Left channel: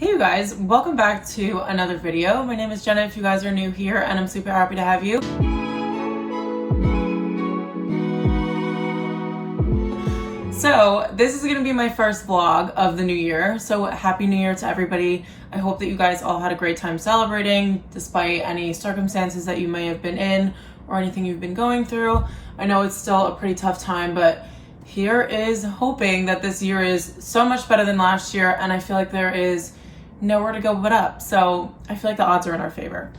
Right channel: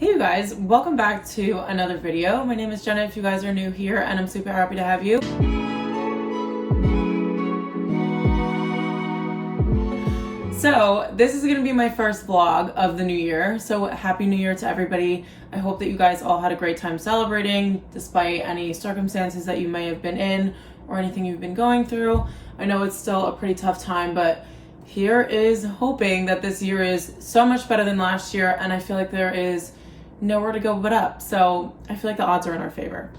Hey you guys, welcome back to another video. My name is Jenna if you guys are new here, and I'm super happy to have you. So this is gonna be my first vlog of the new year. So happy new year to everybody. I hope that you guys all had a great time celebrating despite any circumstances that you may have been in or anything you've been going through. I know it's still a pretty tough time, but here is hoping that this year is so much better than last year, and I feel like there is nowhere to go but up. So I feel like the odds are in our favor.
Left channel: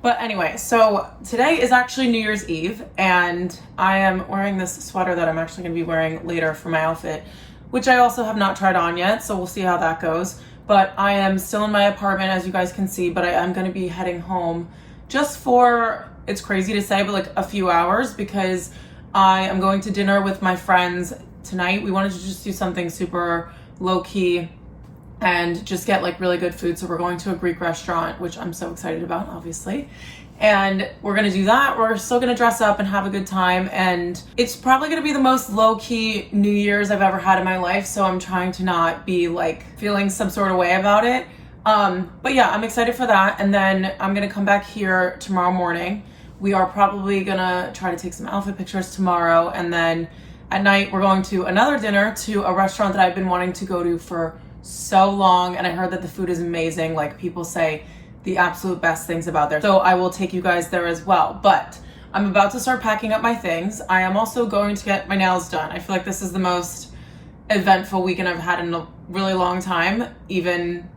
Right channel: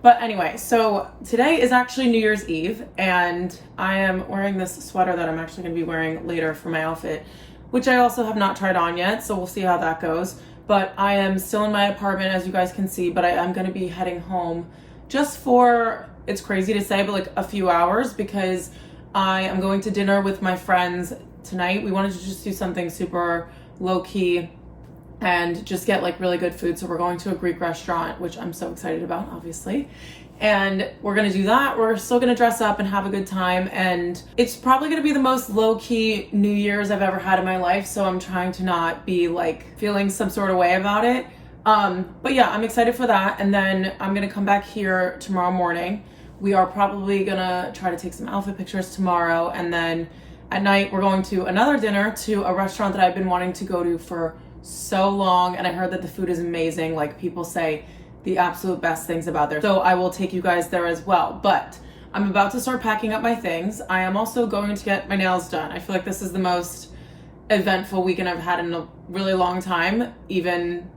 But anyway, so today is actually New Year's Eve, and I am wearing this sweater that I'm actually gonna be wearing later for my outfit, which I also have not tried on yet, so we'll see how that goes. But I am still in my apartment, as you guys can see, but I am gonna be heading home just for, it's crazy to say, but like a few hours, because I am going to dinner with my friends tonight. We wanted to just do something super low-key and just get like really good food. So we're going to a Greek restaurant, which I'm so excited about, obviously. And we're gonna do that. We're still gonna dress up and have a good time. And it's probably gonna be the most low-key New Year's I've ever had in my life. So I'm trying to not be like feeling some sort of way about it. But yeah, I'm excited for that. And then I'm gonna come back here tomorrow morning. We are probably gonna try to take some outfit pictures tomorrow. And then at night, we're going to another dinner to a restaurant that I've been wanting to go to for so long, and I heard that the food is amazing. Like, people say the absolute best things about there. So I will take you guys there as well. But I'm about to start packing up my things. I am also going to get my nails done. I feel like this is the most eventful weekend I've had in a really long time, even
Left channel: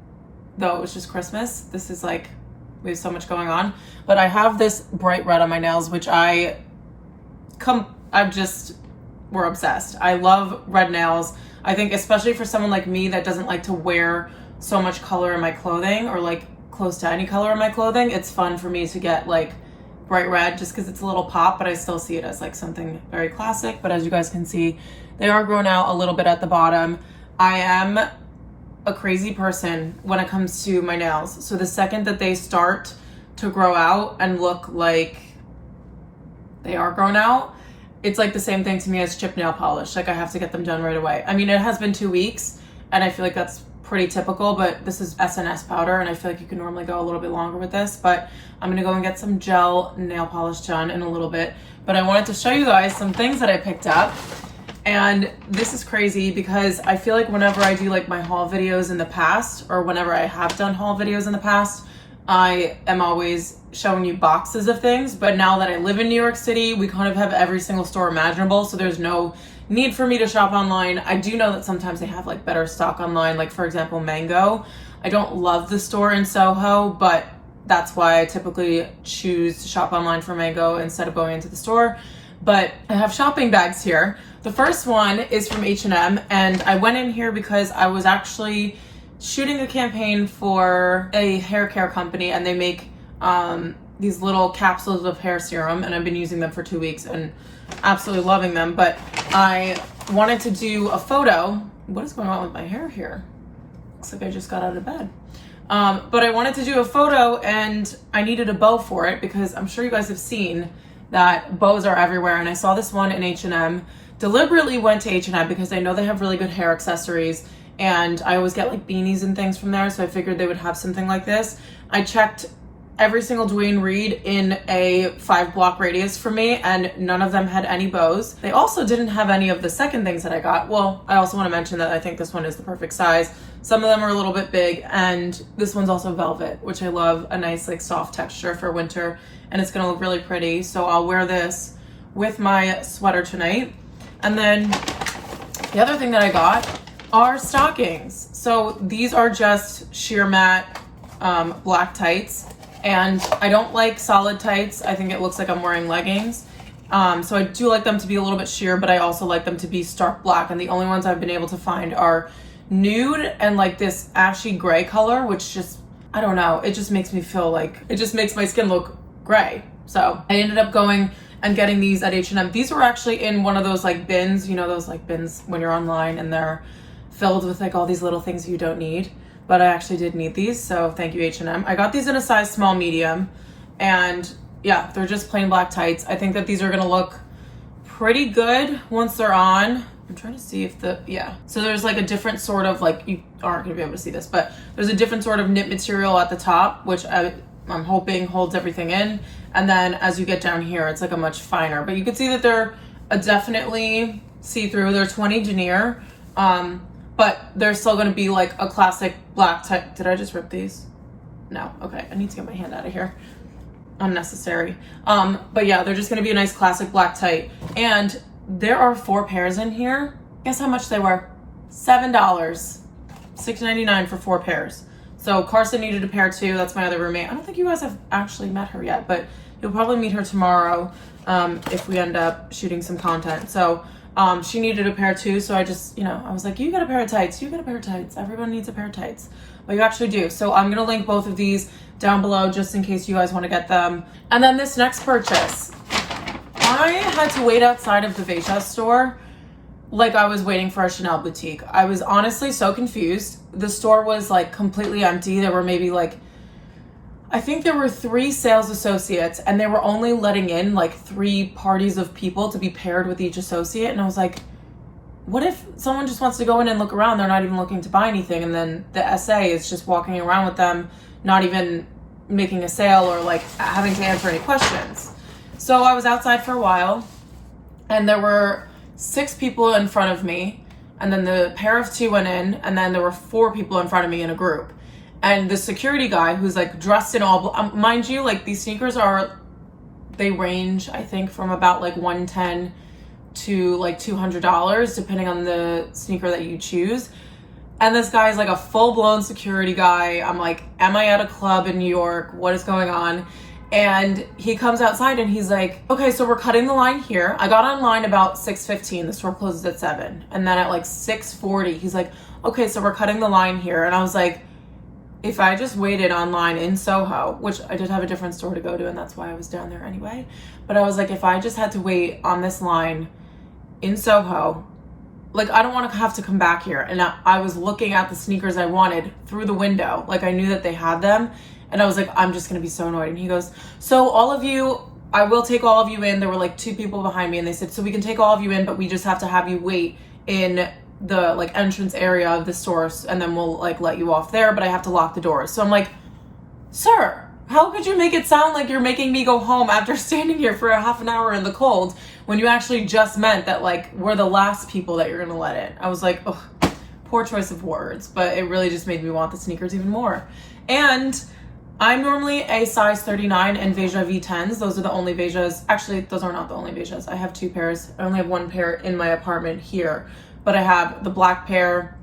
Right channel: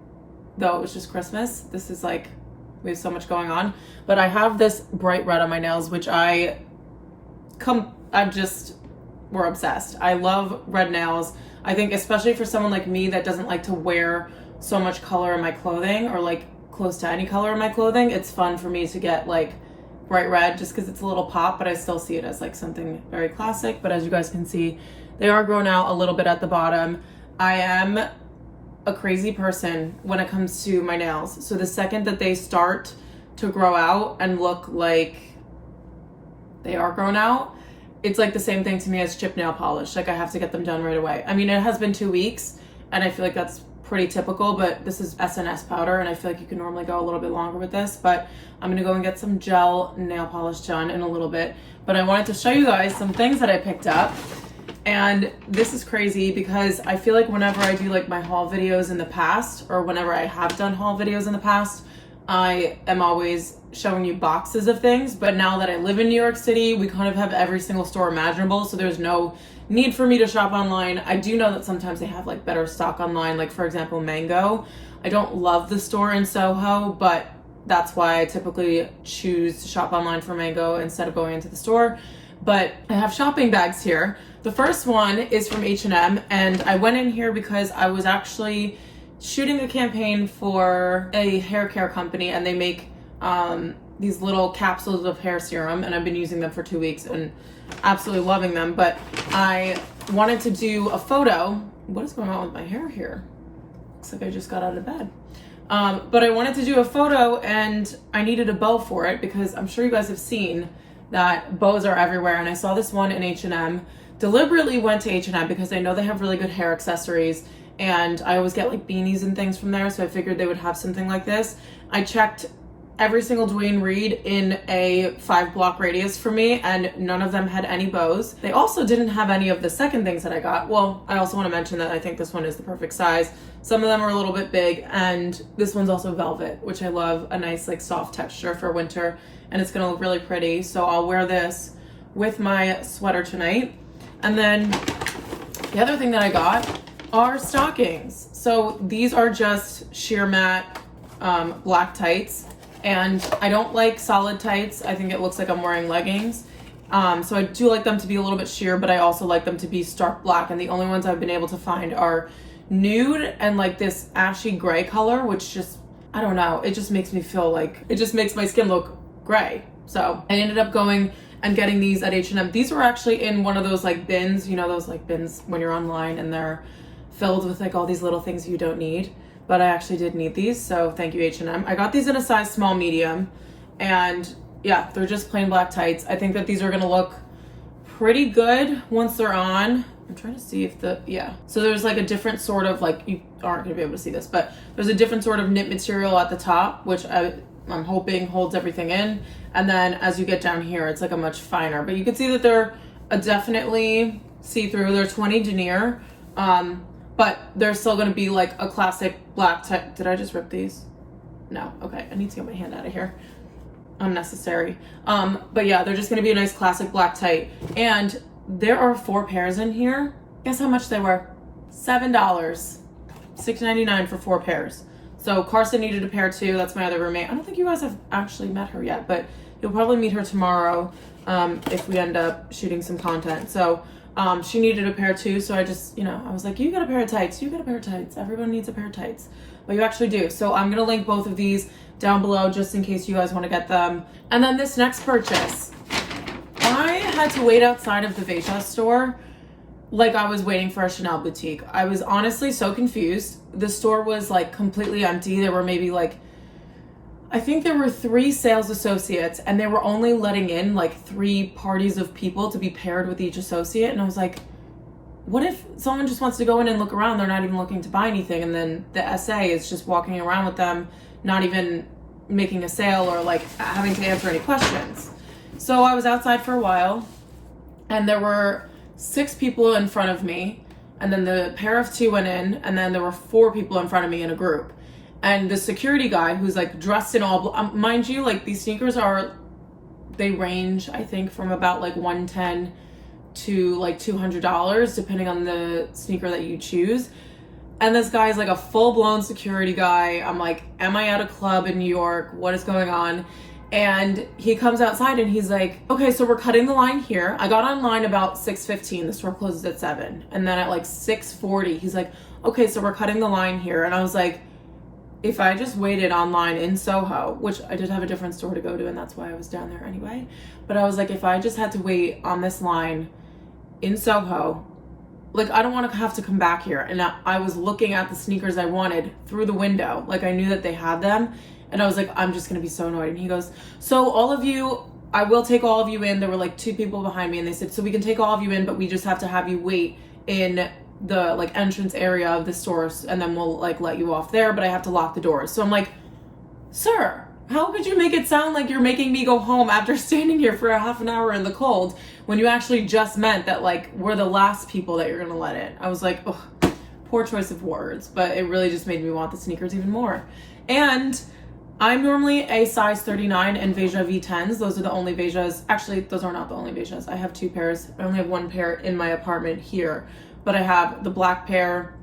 though it was just Christmas. This is like, we have so much going on. But I have this bright red on my nails, which we're obsessed. I love red nails. I think especially for someone like me that doesn't like to wear so much color in my clothing, or like close to any color in my clothing, it's fun for me to get like bright red just because it's a little pop, but I still see it as like something very classic. But as you guys can see, they are grown out a little bit at the bottom. I am a crazy person when it comes to my nails. So the second that they start to grow out and look like they are grown out, it's like the same thing to me as chip nail polish. Like, I have to get them done right away. I mean, it has been 2 weeks, and I feel like that's pretty typical, but this is SNS powder, and I feel like you can normally go a little bit longer with this, but I'm gonna go and get some gel nail polish done in a little bit. But I wanted to show you guys some things that I picked up, and this is crazy because I feel like whenever I do like my haul videos in the past, or whenever I have done haul videos in the past, I am always showing you boxes of things. But now that I live in New York City, we kind of have every single store imaginable, so there's no need for me to shop online. I do know that sometimes they have like better stock online, like for example, Mango. I don't love the store in Soho, but that's why I typically choose to shop online for Mango instead of going into the store. But I have shopping bags here. The first one is from H&M, and I went in here because I was actually shooting a campaign for a hair care company, and they make these little capsules of hair serum, and I've been using them for 2 weeks and absolutely loving them. But I wanted to do a photo. What is going on with my hair here? Looks like I just got out of bed. But I wanted to do a photo, and I needed a bow for it because I'm sure you guys have seen that bows are everywhere, and I saw this one in H&M. Deliberately went to H&M because I know they have really good hair accessories, and I always get like beanies and things from there, so I figured they would have something like this. I checked every single Dwayne Reed in a 5-block radius for me, and none of them had any bows. They also didn't have any of the second things that I got. Well, I also want to mention that I think this one is the perfect size. Some of them are a little bit big, and this one's also velvet, which I love, a nice like soft texture for winter, and it's gonna look really pretty. So I'll wear this with my sweater tonight. And then the other thing that I got are stockings. So these are just sheer matte black tights, and I don't like solid tights. I think it looks like I'm wearing leggings. So I do like them to be a little bit sheer, but I also like them to be stark black, and the only ones I've been able to find are nude and like this ashy gray color, which just, I don't know, it just makes me feel like, it just makes my skin look gray. So I ended up going and getting these at H&M. These were actually in one of those like bins, you know, those like bins when you're online and they're filled with like all these little things you don't need. But I actually did need these, so thank you, H&M. I got these in a size small medium, and yeah, they're just plain black tights. I think that these are gonna look pretty good once they're on I'm trying to see if yeah. So there's like a different sort of like, you aren't gonna be able to see this, but there's a different sort of knit material at the top, which I'm hoping holds everything in. And then as you get down here, it's like a much finer, but you can see that they're definitely see-through. They're 20 denier, but they're still gonna be like a classic black type. Did I just rip these? No, okay, I need to get my hand out of here. Unnecessary. But yeah, they're just gonna be a nice classic black tight. And there are 4 pairs in here. Guess how much they were? $7. $6.99 for 4 pairs. So Carson needed a pair too. That's my other roommate. I don't think you guys have actually met her yet, but you'll probably meet her tomorrow if we end up shooting some content. So she needed a pair too. So I just, you know, I was like, you got a pair of tights. You got a pair of tights. Everyone needs a pair of tights. Well, you actually do. So I'm gonna link both of these down below just in case you guys want to get them. And then this next purchase, I had to wait outside of the Veja store like I was waiting for a Chanel boutique. I was honestly so confused. The store was like completely empty. There were maybe like, I think there were 3 sales associates, and they were only letting in like 3 parties of people to be paired with each associate. And I was like, what if someone just wants to go in and look around? They're not even looking to buy anything. And then the SA is just walking around with them, not even making a sale or like having to answer any questions. So I was outside for a while, and there were 6 people in front of me, and then the pair of 2 went in, and then there were 4 people in front of me in a group. And the security guy, who's like dressed in all, mind you, like these sneakers they range, I think, from about like $110 to like $200, depending on the sneaker that you choose. And this guy's like a full-blown security guy. I'm like, am I at a club in New York? What is going on? And he comes outside and he's like, okay, so we're cutting the line here. I got online about 6:15. The store closes at 7. And then at like 6:40, he's like, okay, so we're cutting the line here. And I was like, if I just waited online in Soho, which I did have a different store to go to, and that's why I was down there anyway. But I was like, if I just had to wait on this line in Soho, like I don't want to have to come back here. And I was looking at the sneakers I wanted through the window. Like I knew that they had them. And I was like, I'm just going to be so annoyed. And he goes, so all of you, I will take all of you in. There were like 2 people behind me, and they said, so we can take all of you in, but we just have to have you wait in the like entrance area of the store, and then we'll like let you off there, but I have to lock the doors. So I'm like, sir, how could you make it sound like you're making me go home after standing here for a half an hour in the cold when you actually just meant that like we're the last people that you're going to let in? I was like, ugh, poor choice of words, but it really just made me want the sneakers even more. And I'm normally a size 39 in Veja V10s. Those are the only Vejas. Actually, those are not the only Vejas. I have 2 pairs. I only have 1 pair in my apartment here. But I have the black pair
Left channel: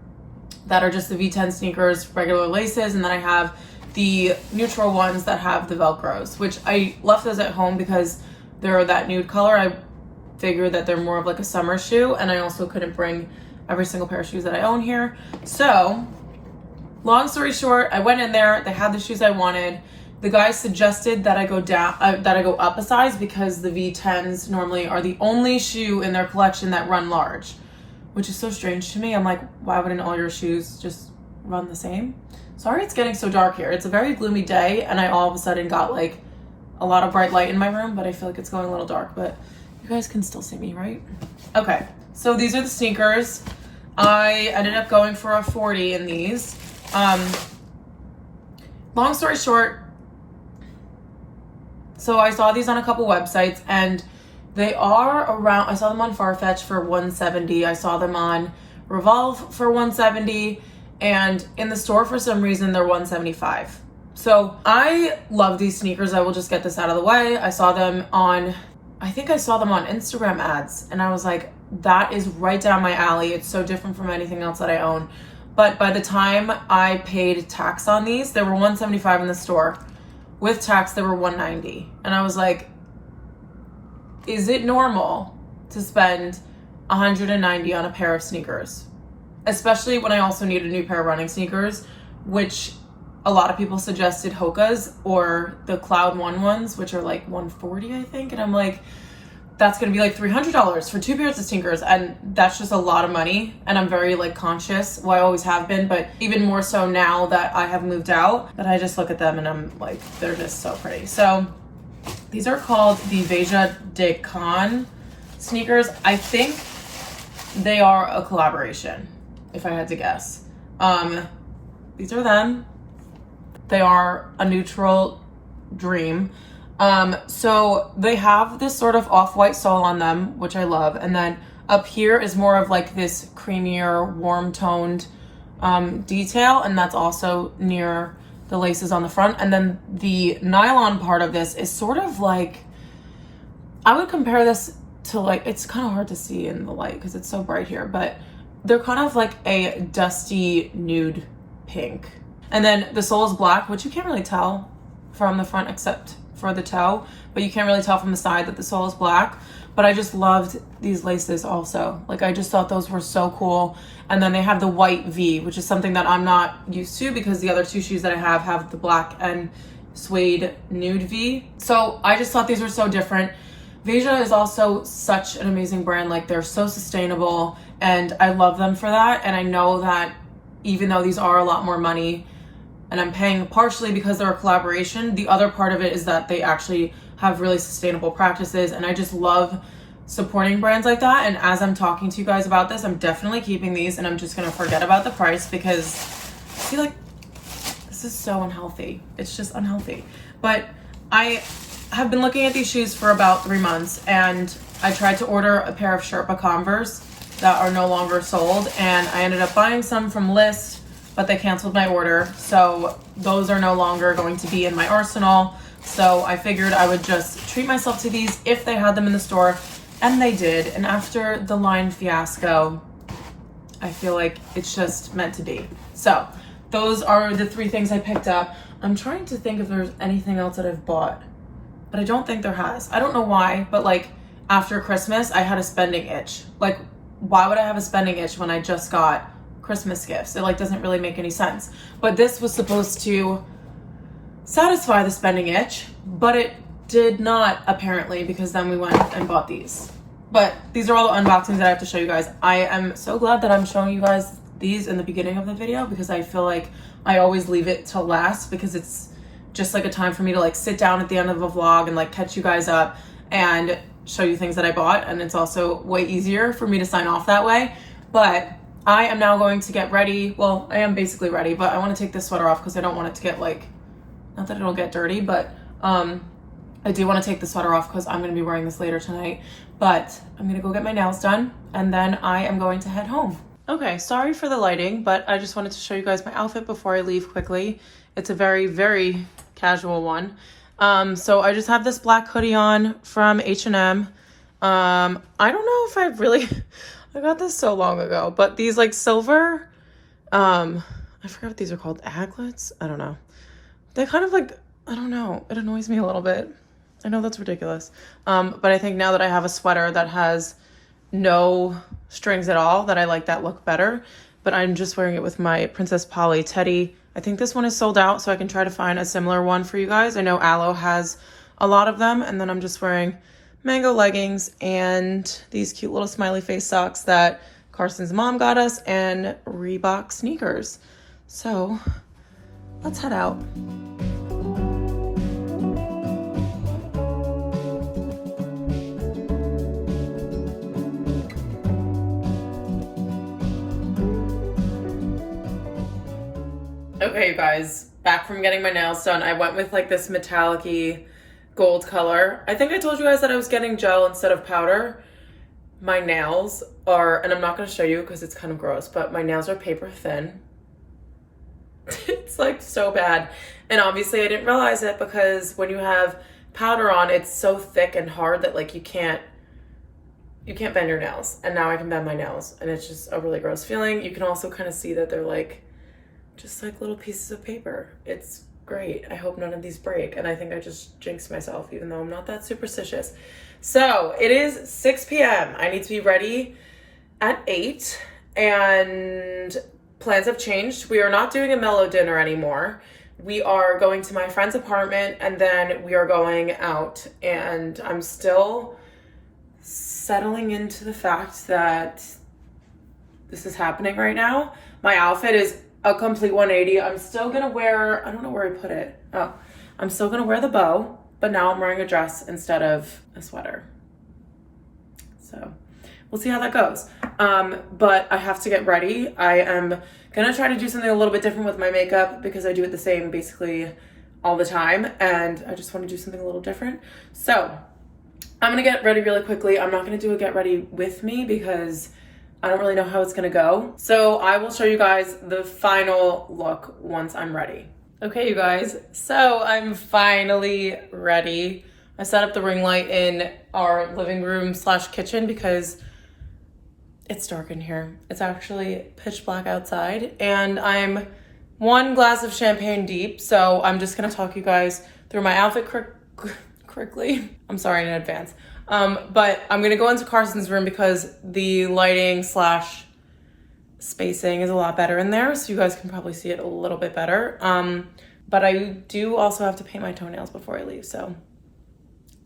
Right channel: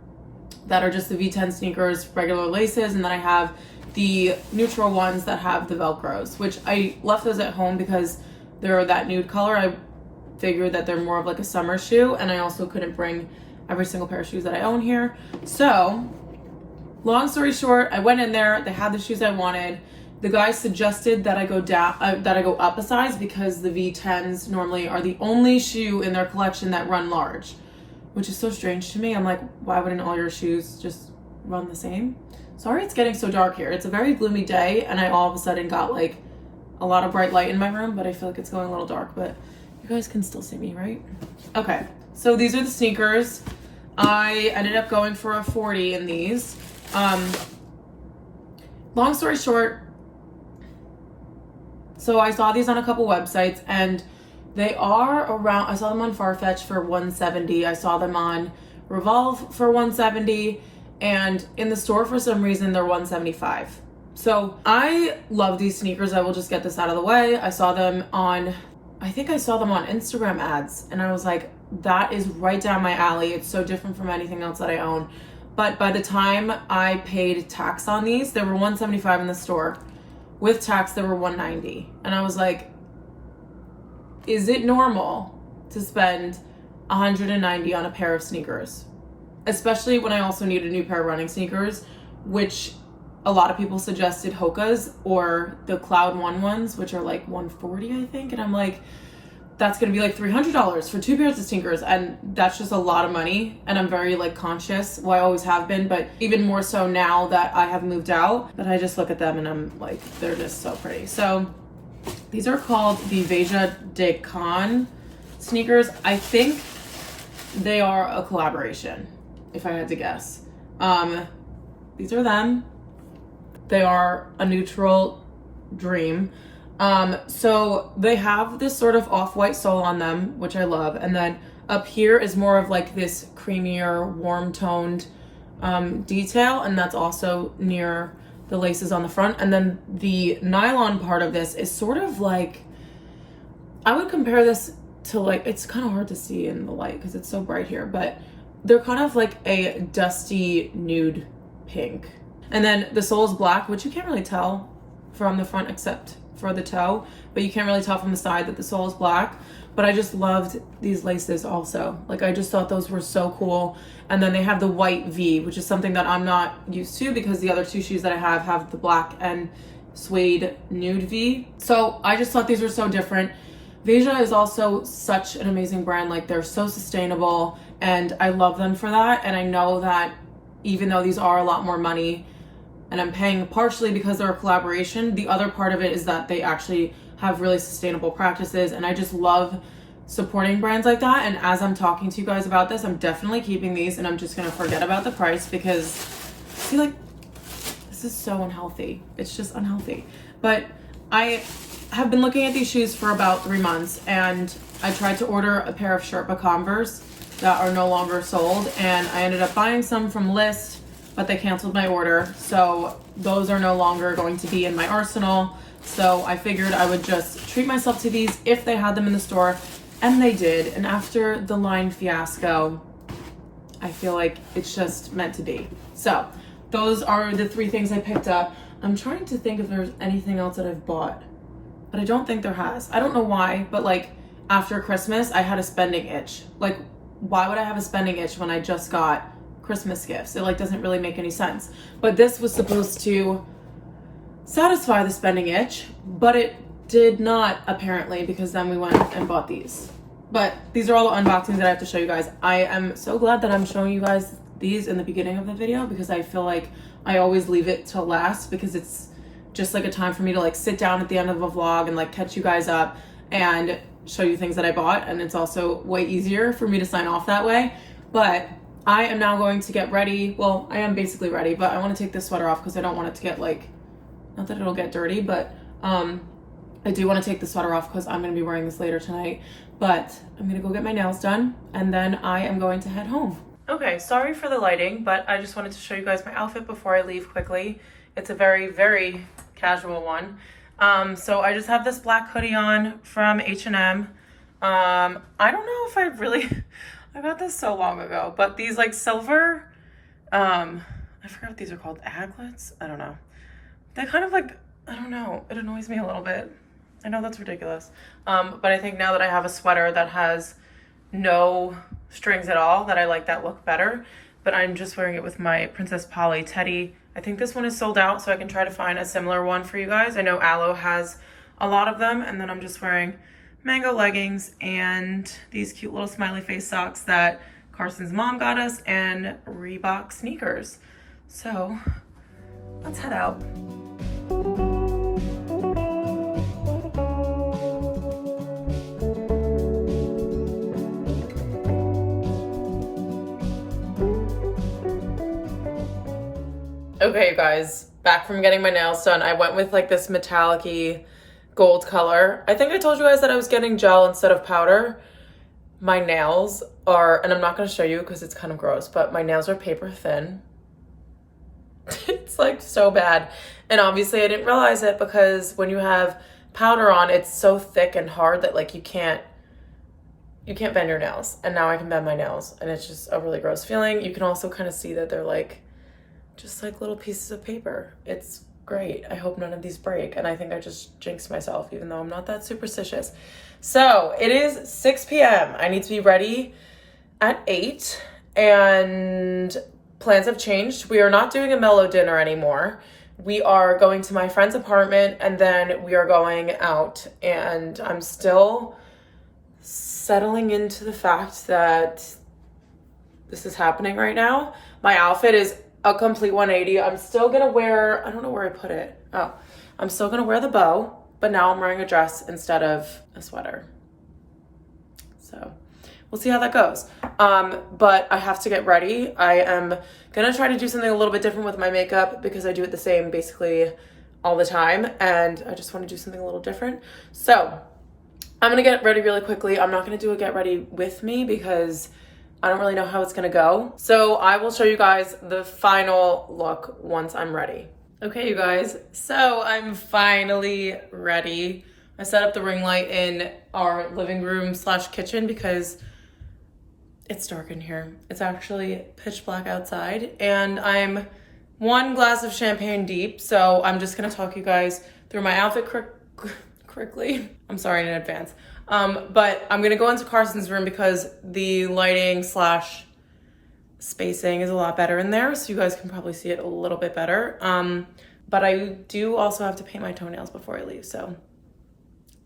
that are just the V10 sneakers, regular laces. And then I have the neutral ones that have the Velcros, which I left those at home because they're that nude color. I figured that they're more of like a summer shoe. And I also couldn't bring every single pair of shoes that I own here. So long story short, I went in there, they had the shoes I wanted. The guy suggested that I go up a size because the V10s normally are the only shoe in their collection that run large, which is so strange to me. I'm like, why wouldn't all your shoes just run the same? Sorry it's getting so dark here. It's a very gloomy day, and I all of a sudden got like a lot of bright light in my room, but I feel like it's going a little dark, but you guys can still see me, right? Okay, so these are the sneakers. I ended up going for a 40 in these. Long story short, so I saw these on a couple websites, and they are around, I saw them on Farfetch for $170. I saw them on Revolve for $170, and in the store for some reason they're $175. So I love these sneakers. I will just get this out of the way. I saw them on, I think I saw them on Instagram ads, and I was like, that is right down my alley. It's so different from anything else that I own. But by the time I paid tax on these, they were $175 in the store. With tax, they were $190. And I was like, is it normal to spend $190 on a pair of sneakers? Especially when I also need a new pair of running sneakers, which a lot of people suggested Hoka's or the Cloud One ones, which are like $140, I think. And I'm like, that's gonna be like $300 for 2 pairs of sneakers, and that's just a lot of money. And I'm very like conscious, well I always have been, but even more so now that I have moved out, that I just look at them and I'm like, they're just so pretty. So these are called the Veja de Con sneakers. I think they are a collaboration, if I had to guess. These are them. They are a neutral dream. So they have this sort of off-white sole on them, which I love. And then up here is more of like this creamier, warm-toned detail. And that's also near the laces on the front. And then the nylon part of this is sort of like, I would compare this to like, it's kind of hard to see in the light because it's so bright here, but they're kind of like a dusty nude pink. And then the sole is black, which you can't really tell from the front except for the toe, but you can't really tell from the side that the sole is black. But I just loved these laces also. Like, I just thought those were so cool. And then they have the white V, which is something that I'm not used to because the other two shoes that I have the black and suede nude V. So I just thought these were so different. Evangelia is also such an amazing brand. Like, they're so sustainable and I love them for that. And I know that even though these are a lot more money and I'm paying partially because they're a collaboration, the other part of it is that they actually have really sustainable practices. And I just love supporting brands like that. And as I'm talking to you guys about this, I'm definitely keeping these and I'm just gonna forget about the price because I feel like this is so unhealthy. It's just unhealthy. But I have been looking at these shoes for about 3 months and I tried to order a pair of Sherpa Converse that are no longer sold, and I ended up buying some from List, but they canceled my order. So those are no longer going to be in my arsenal. So I figured I would just treat myself to these if they had them in the store, and they did. And after the line fiasco, I feel like it's just meant to be. So those are the 3 things I picked up. I'm trying to think if there's anything else that I've bought, but I don't think there has. I don't know why, but like after Christmas, I had a spending itch. Like, why would I have a spending itch when I just got Christmas gifts? It like doesn't really make any sense. But this was supposed to satisfy the spending itch, but it did not apparently, because then we went and bought these. But these are all the unboxings that I have to show you guys. I am so glad that I'm showing you guys these in the beginning of the video because I feel like I always leave it till last because it's just like a time for me to like sit down at the end of a vlog and like catch you guys up and show you things that I bought. And it's also way easier for me to sign off that way. But I am now going to get ready. Well, I am basically ready, but I want to take this sweater off because I don't want it to get like, not that it'll get dirty, but I do want to take the sweater off because I'm going to be wearing this later tonight. But I'm going to go get my nails done and then I am going to head home. Okay, sorry for the lighting, but I just wanted to show you guys my outfit before I leave quickly. It's a very, very casual one. So I just have this black hoodie on from H&M. I don't know if I really, I got this so long ago, but these like silver, I forgot what these are called, aglets? I don't know. They kind of like, I don't know, it annoys me a little bit. I know that's ridiculous. But I think now that I have a sweater that has no strings at all, that I like that look better. But I'm just wearing it with my Princess Polly teddy. I think this one is sold out, so I can try to find a similar one for you guys. I know Aloe has a lot of them. And then I'm just wearing mango leggings and these cute little smiley face socks that Carson's mom got us and Reebok sneakers. So let's head out. Okay, you guys, back from getting my nails done. I went with like this metallic-y gold color. I think I told you guys that I was getting gel instead of powder. My nails are, and I'm not going to show you because it's kind of gross, but my nails are paper thin. It's like so bad. And obviously I didn't realize it because when you have powder on, it's so thick and hard that like you can't bend your nails. And now I can bend my nails and it's just a really gross feeling. You can also kind of see that they're like just like little pieces of paper. It's great. I hope none of these break. And I think I just jinxed myself, even though I'm not that superstitious. So it is 6 p.m. I need to be ready at 8 and plans have changed. We are not doing a mellow dinner anymore. We are going to my friend's apartment and then we are going out, and I'm still settling into the fact that this is happening right now. My outfit is a complete 180. I'm still gonna wear, I don't know where I put it. Oh, I'm still gonna wear the bow, but now I'm wearing a dress instead of a sweater. So we'll we'll see how that goes. But I have to get ready. I am gonna try to do something a little bit different with my makeup because I do it the same basically all the time, and I just want to do something a little different. So I'm gonna get ready really quickly. I'm not gonna do a get ready with me because I don't really know how it's gonna go. So I will show you guys the final look once I'm ready. Okay, you guys, so I'm finally ready. I set up the ring light in our living room / kitchen because it's dark in here. It's actually pitch black outside, and I'm 1 glass of champagne deep, so I'm just gonna talk you guys through my outfit quickly. I'm sorry in advance. But I'm gonna go into Carson's room because the lighting / spacing is a lot better in there, so you guys can probably see it a little bit better. But I do also have to paint my toenails before I leave, so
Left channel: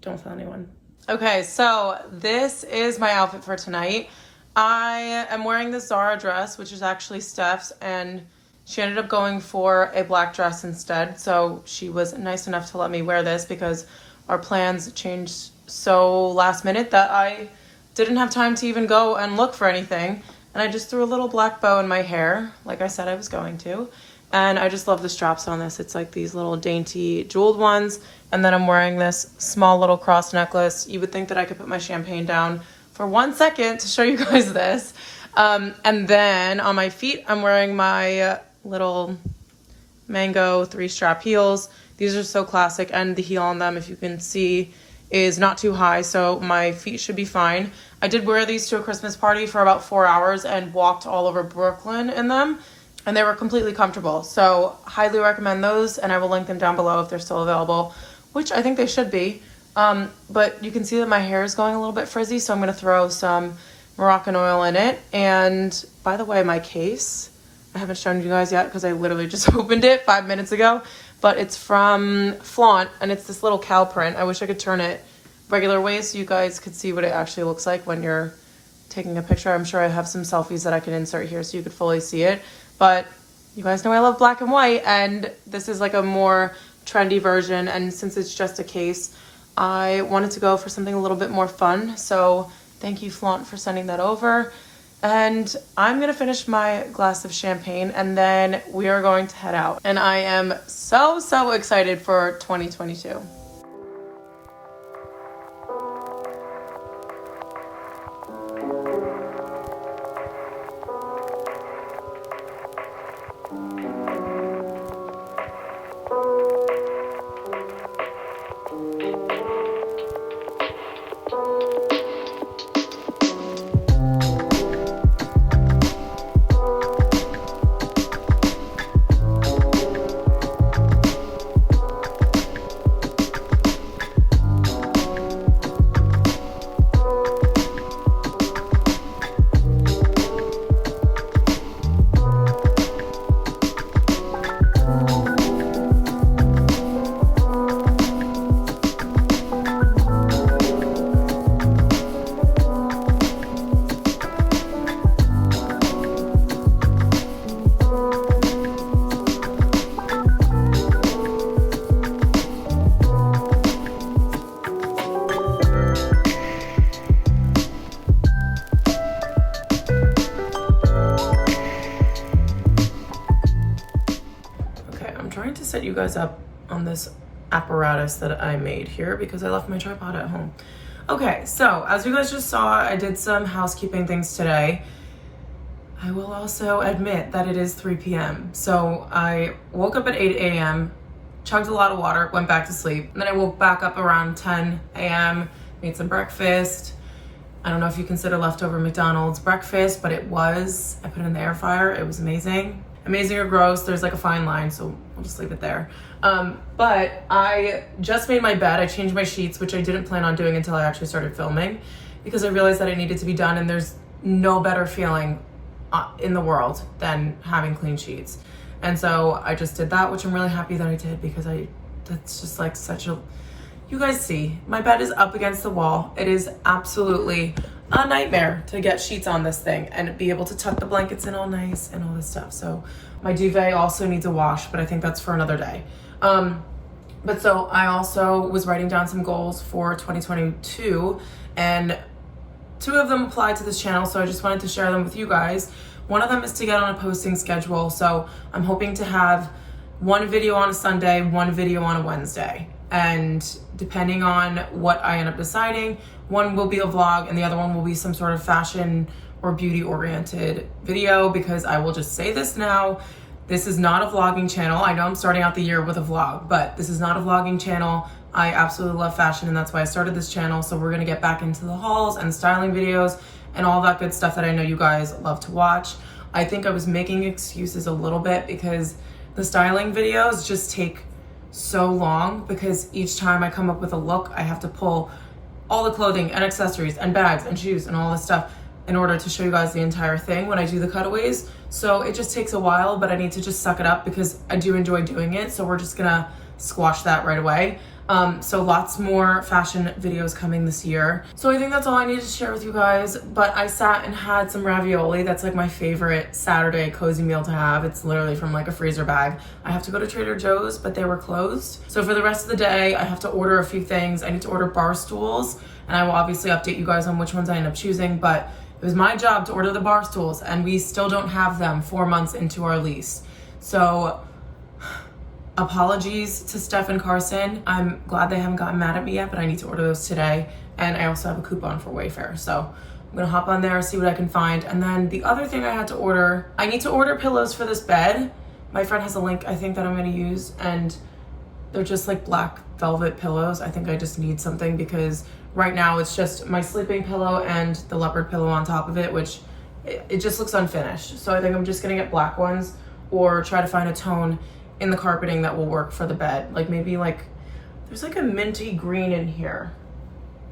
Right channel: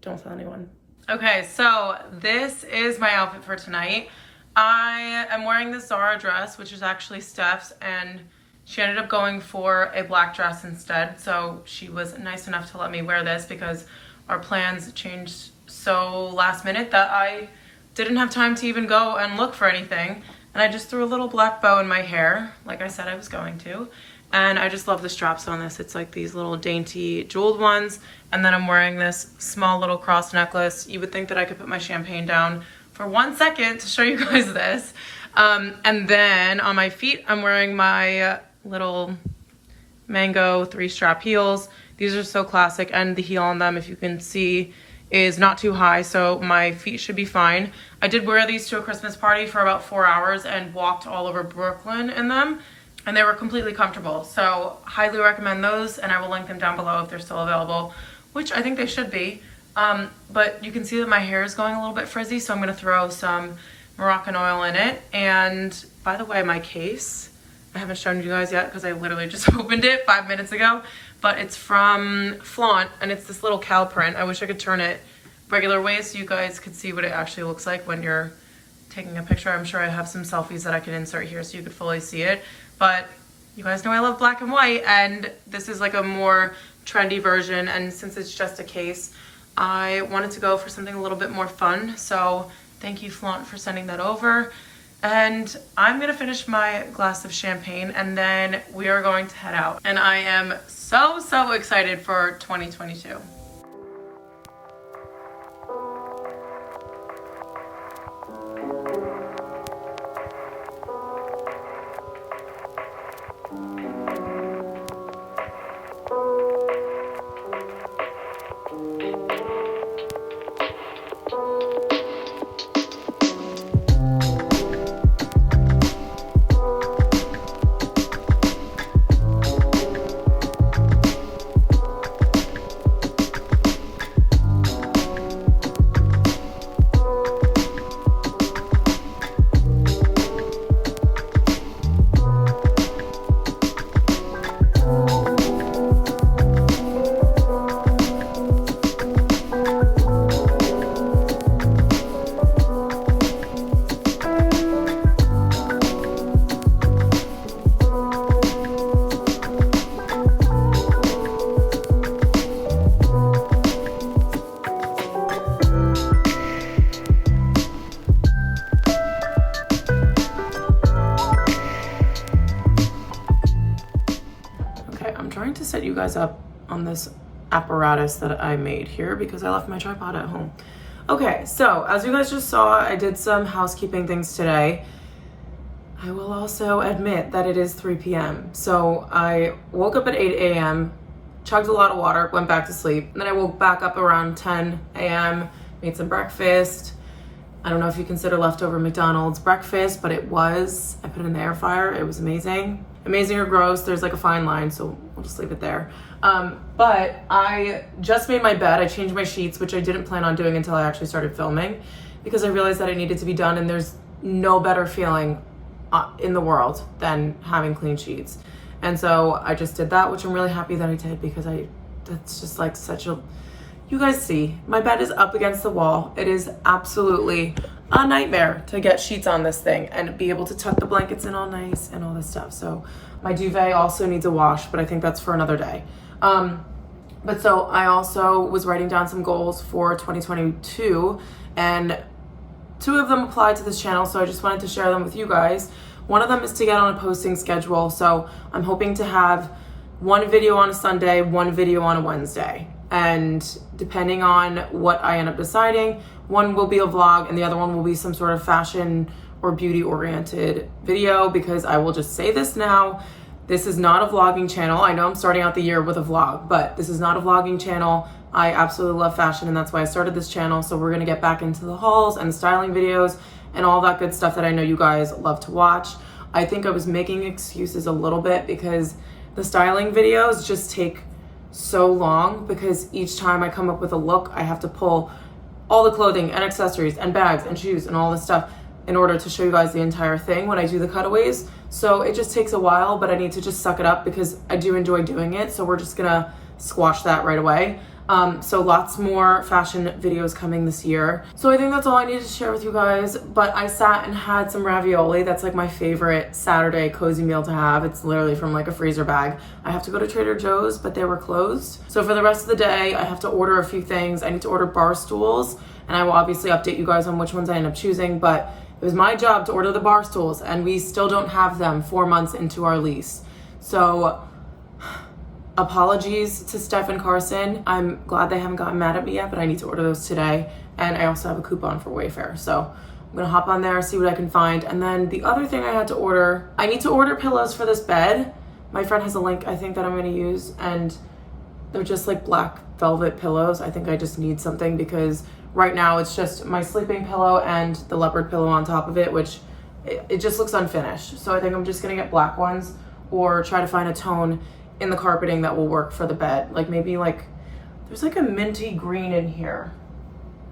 don't tell anyone. Okay, so this is my outfit for tonight. I am wearing this Zara dress, which is actually Steph's, and she ended up going for a black dress instead. So she was nice enough to let me wear this because our plans changed so last minute that I didn't have time to even go and look for anything. And I just threw a little black bow in my hair, like I said I was going to. And I just love the straps on this. It's like these little dainty jeweled ones. And then I'm wearing this small little cross necklace. You would think that I could put my champagne down for 1 second to show you guys this. And then on my feet, I'm wearing my little mango 3-strap heels. These are so classic, and the heel on them, if you can see, is not too high, so my feet should be fine. I did wear these to a Christmas party for about 4 hours and walked all over Brooklyn in them, and they were completely comfortable. So highly recommend those, and I will link them down below if they're still available, which I think they should be. But you can see that my hair is going a little bit frizzy, so I'm gonna throw some Moroccan oil in it. And by the way, my case, I haven't shown you guys yet because I literally just opened it 5 minutes ago, but it's from Flaunt, and it's this little cow print. I wish I could turn it regular way so you guys could see what it actually looks like when you're taking a picture. I'm sure I have some selfies that I can insert here so you could fully see it. But you guys know I love black and white, and this is like a more trendy version, and since it's just a case, I wanted to go for something a little bit more fun. So thank you, Flaunt, for sending that over. And I'm gonna finish my glass of champagne, and then we are going to head out. And I am so excited for 2022. Set you guys up on this apparatus that I made here because I left my tripod at home. Okay, so as you guys just saw, I did some housekeeping things today. I will also admit that it is 3 p.m. So I woke up at 8 a.m., chugged a lot of water, went back to sleep. And then I woke back up around 10 a.m., made some breakfast. I don't know if you consider leftover McDonald's breakfast, but it was. I put it in the air fryer. It was amazing. Amazing or gross, there's like a fine line, so I'll just leave it there. But I just made my bed. I changed my sheets, which I didn't plan on doing until I actually started filming, because I realized that it needed to be done, and there's no better feeling in the world than having clean sheets. And so I just did that, which I'm really happy that I did, because that's just like such a, you guys see, my bed is up against the wall. It is absolutely a nightmare to get sheets on this thing and be able to tuck the blankets in all nice and all this stuff. So my duvet also needs a wash, but I think that's for another day. But so I also was writing down some goals for 2022, and Two of them apply to this channel, so I just wanted to share them with you guys. One of them is to get on a posting schedule, so I'm hoping to have one video on a Sunday, one video on a Wednesday. And depending on what I end up deciding, one will be a vlog and the other one will be some sort of fashion or beauty oriented video, because I will just say this now, this is not a vlogging channel. I know I'm starting out the year with a vlog, but this is not a vlogging channel. I absolutely love fashion and that's why I started this channel. So we're gonna get back into the hauls and the styling videos and all that good stuff that I know you guys love to watch. I think I was making excuses a little bit because the styling videos just take so long, because each time I come up with a look, I have to pull all the clothing and accessories and bags and shoes and all this stuff in order to show you guys the entire thing when I do the cutaways. So it just takes a while, but I need to just suck it up because I do enjoy doing it. So we're just gonna squash that right away. So lots more fashion videos coming this year. So I think that's all I needed to share with you guys, but I sat and had some ravioli. That's like my favorite Saturday cozy meal to have. It's literally from like a freezer bag. I have to go to Trader Joe's, but they were closed. So for the rest of the day, I have to order a few things. I need to order bar stools, and I will obviously update you guys on which ones I end up choosing, but it was my job to order the bar stools and we still don't have them 4 months into our lease. So apologies to Steph and Carson. I'm glad they haven't gotten mad at me yet, but I need to order those today. And I also have a coupon for Wayfair. So I'm gonna hop on there, see what I can find. And then the other thing I had to order, I need to order pillows for this bed. My friend has a link I think that I'm gonna use, and they're just like black velvet pillows. I think I just need something because right now it's just my sleeping pillow and the leopard pillow on top of it, which it just looks unfinished. So I think I'm just gonna get black ones or try to find a tone in the carpeting that will work for the bed. Like maybe like, there's like a minty green in here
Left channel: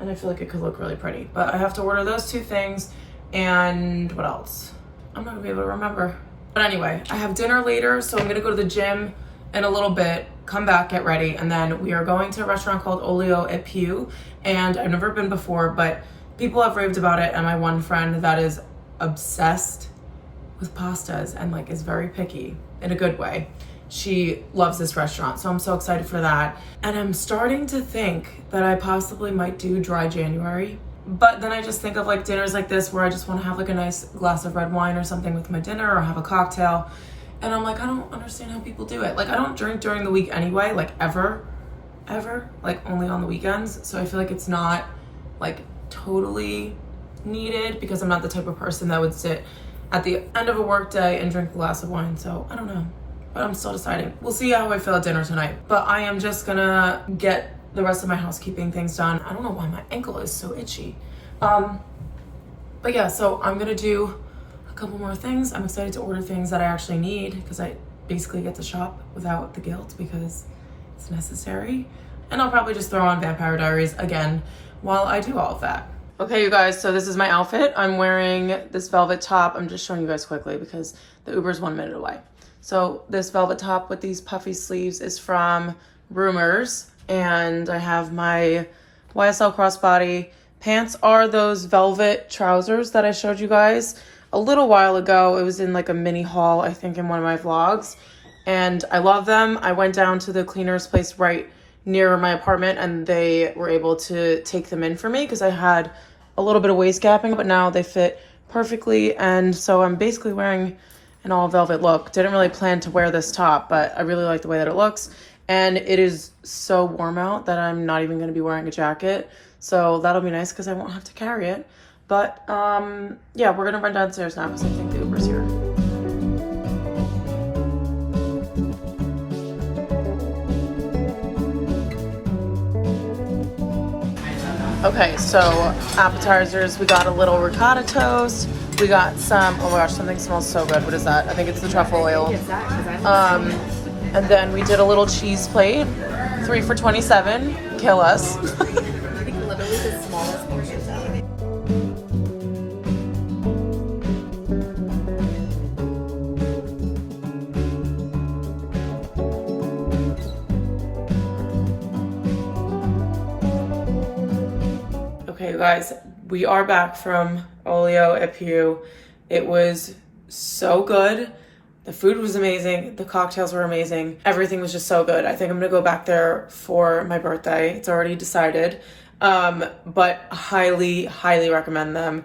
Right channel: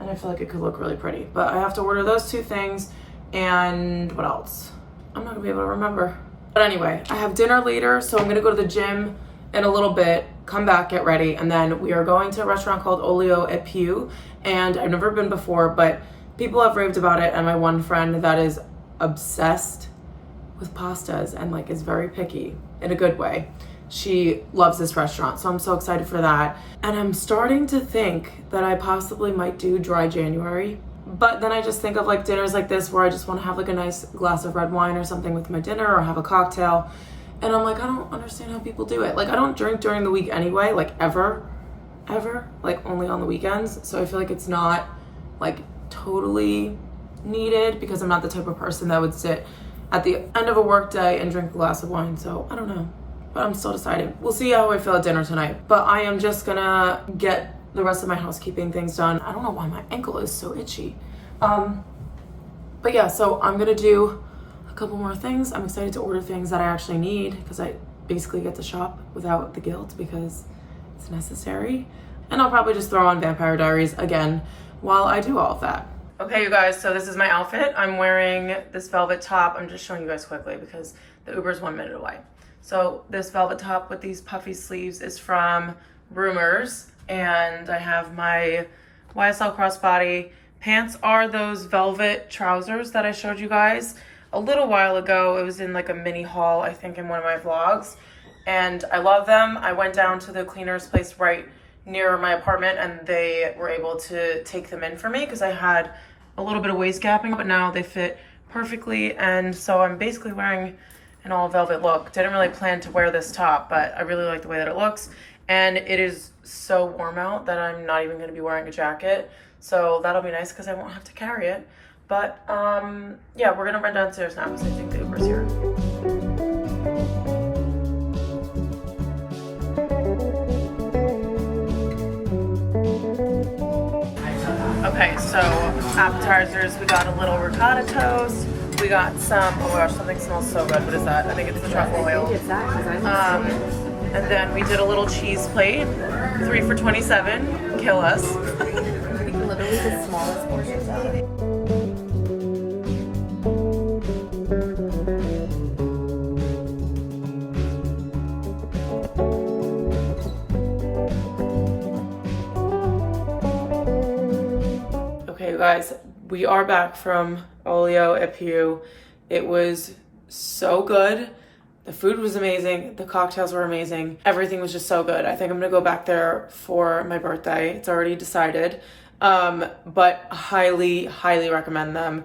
and I feel like it could look really pretty, but I have to order those two things. And what else? I'm not gonna be able to remember. But anyway, I have dinner later, so I'm gonna go to the gym in a little bit, come back, get ready, and then we are going to a restaurant called Olio et Più. And I've never been before, but people have raved about it, and my one friend that is obsessed with pastas and like is very picky in a good way, she loves this restaurant, so I'm so excited for that. And I'm starting to think that I possibly might do dry January, but then I just think of like dinners like this where I just want to have like a nice glass of red wine or something with my dinner, or have a cocktail. And I'm like, I don't understand how people do it. Like I don't drink during the week anyway, like ever, like only on the weekends. So I feel like it's not like totally needed, because I'm not the type of person that would sit at the end of a work day and drink a glass of wine. So I don't know, but I'm still deciding. We'll see how I feel at dinner tonight. But I am just gonna get the rest of my housekeeping things done. I don't know why my ankle is so itchy. But yeah, so I'm gonna do a couple more things. I'm excited to order things that I actually need, because I basically get to shop without the guilt because it's necessary. And I'll probably just throw on Vampire Diaries again while I do all of that. Okay, you guys, so this is my outfit. I'm wearing this velvet top. I'm just showing you guys quickly because the Uber's 1 minute away. So this velvet top with these puffy sleeves is from Rumors, and I have my YSL crossbody. Pants are those velvet trousers that I showed you guys a little while ago. It was in like a mini haul, I think, in one of my vlogs, and I love them. I went down to the cleaner's place right near my apartment and they were able to take them in for me because I had a little bit of waist gapping, but now they fit perfectly. And so I'm basically wearing an all velvet look. Didn't really plan to wear this top, but I really like the way that it looks. And it is so warm out that I'm not even gonna be wearing a jacket. So that'll be nice because I won't have to carry it. But yeah, we're gonna run downstairs now because I think the Uber's here. Okay, so appetizers, we got a little ricotta toast. We got some, oh gosh, something smells so good. What is that? I think it's the truffle oil. And then we did a little cheese plate, 3 for $27. Kill us. Literally the smallest portions ever. Okay, you guys, we are back from Olio et Più. It was so good. The food was amazing. The cocktails were amazing. Everything was just so good. I think I'm gonna go back there for my birthday. It's already decided. But highly recommend them.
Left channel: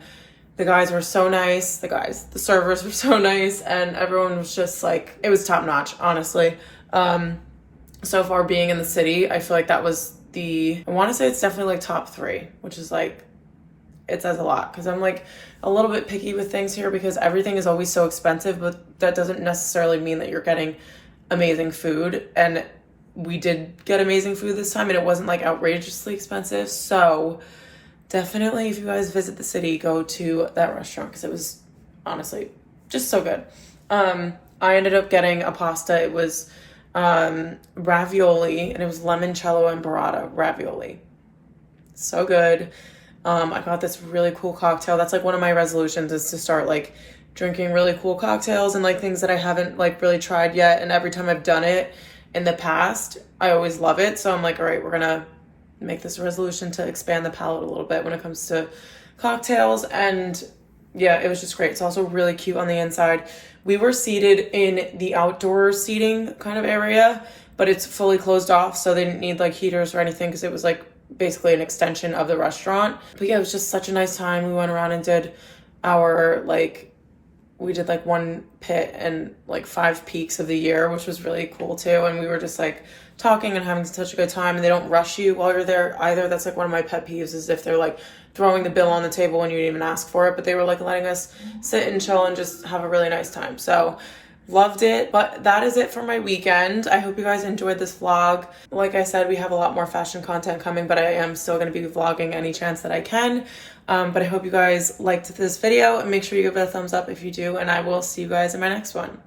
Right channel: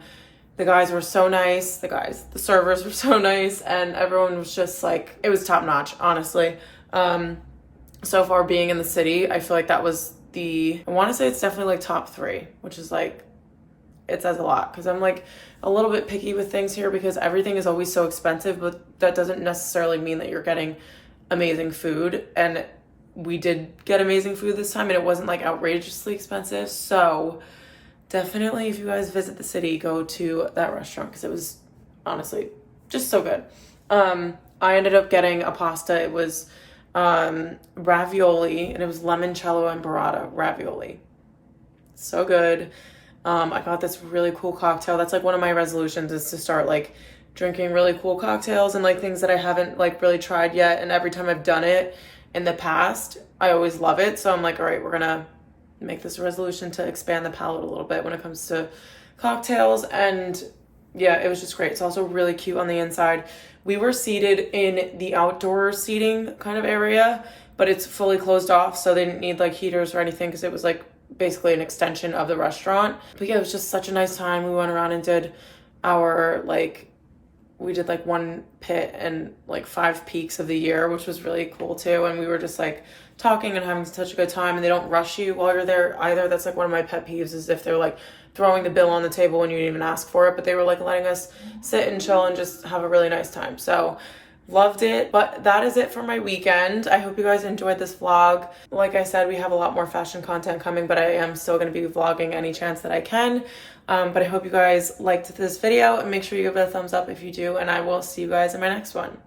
The guys were so nice. The servers were so nice, and everyone was just like, it was top notch, honestly. So far being in the city, I feel like that was I want to say it's definitely like top 3, which is like, it says a lot, because I'm like a little bit picky with things here because everything is always so expensive, but that doesn't necessarily mean that you're getting amazing food. And we did get amazing food this time, and it wasn't like outrageously expensive. So definitely, if you guys visit the city, go to that restaurant because it was honestly just so good. I ended up getting a pasta. It was ravioli, and it was limoncello and burrata ravioli. So good. I got this really cool cocktail. That's like one of my resolutions, is to start like drinking really cool cocktails and like things that I haven't like really tried yet. And every time I've done it in the past, I always love it. So I'm like, all right, we're gonna make this a resolution to expand the palette a little bit when it comes to cocktails. And yeah, it was just great. It's also really cute on the inside. We were seated in the outdoor seating kind of area, but it's fully closed off, so they didn't need like heaters or anything because it was like basically an extension of the restaurant. But yeah, it was just such a nice time. We went around and did we did like one pit and like 5 peaks of the year, which was really cool too. And we were just like talking and having such a good time, and they don't rush you while you're there either. That's like one of my pet peeves, is if they're like throwing the bill on the table when you didn't even ask for it. But they were like letting us sit and chill and just have a really nice time. So loved it. But that is it for my weekend. I hope you guys enjoyed this vlog. Like I said, we have a lot more fashion content coming, but I am still going to be vlogging any chance that I can. But I hope you guys liked this video, and make sure you give it a thumbs up if you do, and I will see you guys in my next one.